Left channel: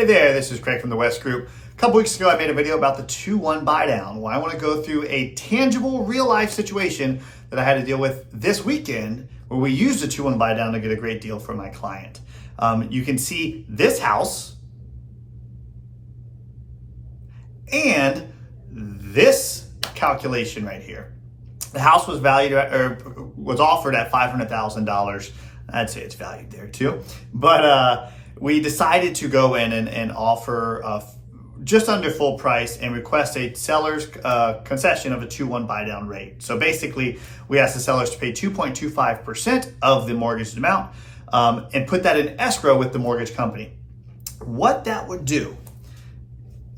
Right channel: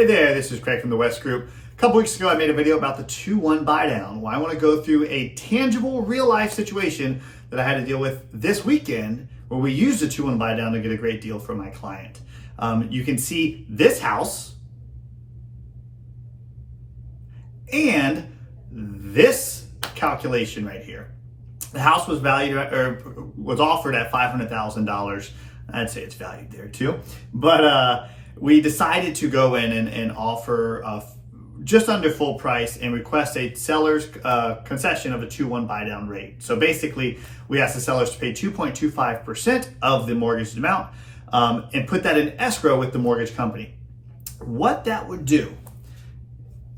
Hey there, this is Craig from the West Group. A couple weeks ago, I made a video about the 2-1 buy down. Well, I want to go through a tangible, real-life situation that I had to deal with this weekend where we used a 2-1 buy down to get a great deal for my client. You can see this house and this calculation right here. The house was valued or was offered at $500,000. I'd say it's valued there too, but we decided to go in and offer just under full price and request a seller's concession of a 2-1 buy down rate. So basically, we asked the sellers to pay 2.25% of the mortgage amount and put that in escrow with the mortgage company. What that would do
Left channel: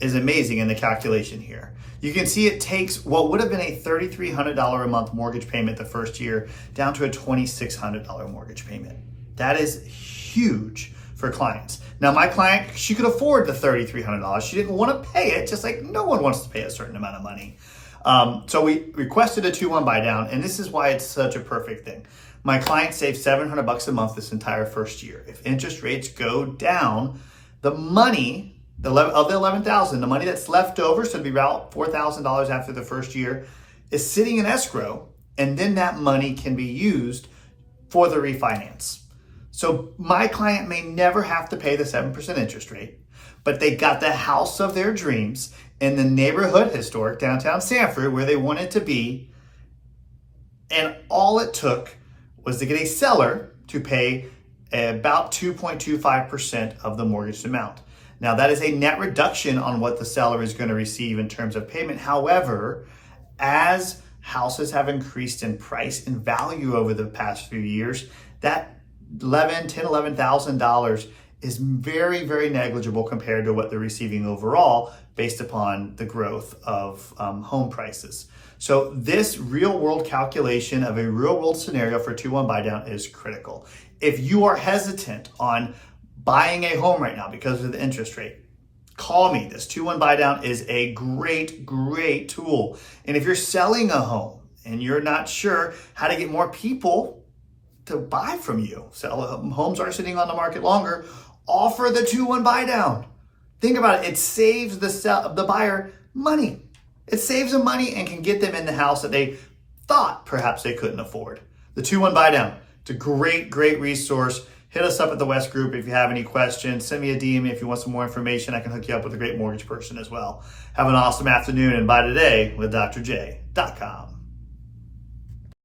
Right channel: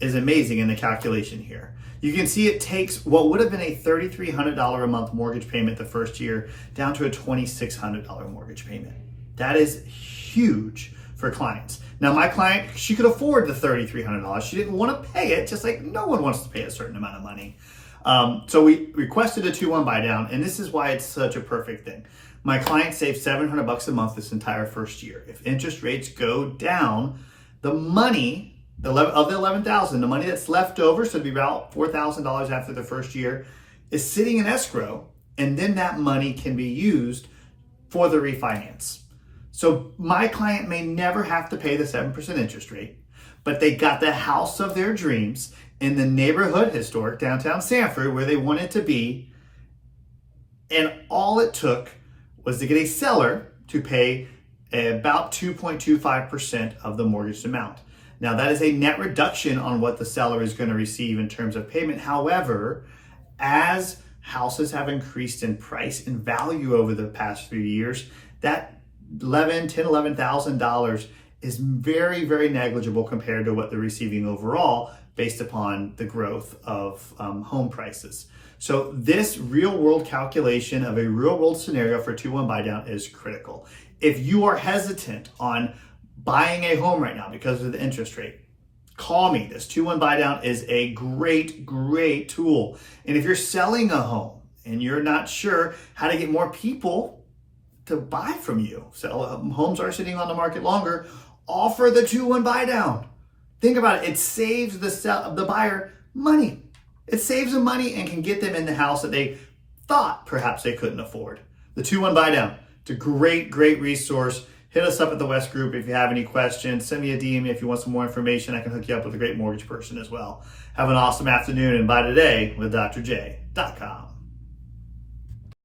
is amazing in the calculation here. You can see it takes what would have been a $3,300 a month mortgage payment the first year down to a $2,600 mortgage payment. That is huge for clients. Now, my client, she could afford the $3,300. She didn't want to pay it, just like no one wants to pay a certain amount of money. So we requested a 2-1 buy down, and this is why it's such a perfect thing. My client saved $700 a month this entire first year. If interest rates go down, the money of the $11,000, the money that's left over, so it'd be about $4,000 after the first year, is sitting in escrow, and then that money can be used for the refinance. So my client may never have to pay the 7% interest rate, but they got the house of their dreams in the neighborhood, historic downtown Sanford, where they wanted to be, and all it took was to get a seller to pay about 2.25% of the mortgage amount. Now, that is a net reduction on what the seller is going to receive in terms of payment. However, as houses have increased in price and value over the past few years, that $11,000 is very, very negligible compared to what they're receiving overall based upon the growth of home prices. So this real world calculation of a real world scenario for 2-1 buy down is critical. If you are hesitant on buying a home right now because of the interest rate, call me. This 2-1 buy down is a great, great tool. And if you're selling a home and you're not sure how to get more people to buy from you, homes are sitting on the market longer, offer the 2-1 buy down. Think about it. It saves the buyer money. It saves them money and can get them in the house that they thought perhaps they couldn't afford. The 2-1 buy down. It's a great, great resource. Hit us up at the West Group if you have any questions. Send me a DM if you want some more information. I can hook you up with a great mortgage person as well. Have an awesome afternoon and buy today with drj.com.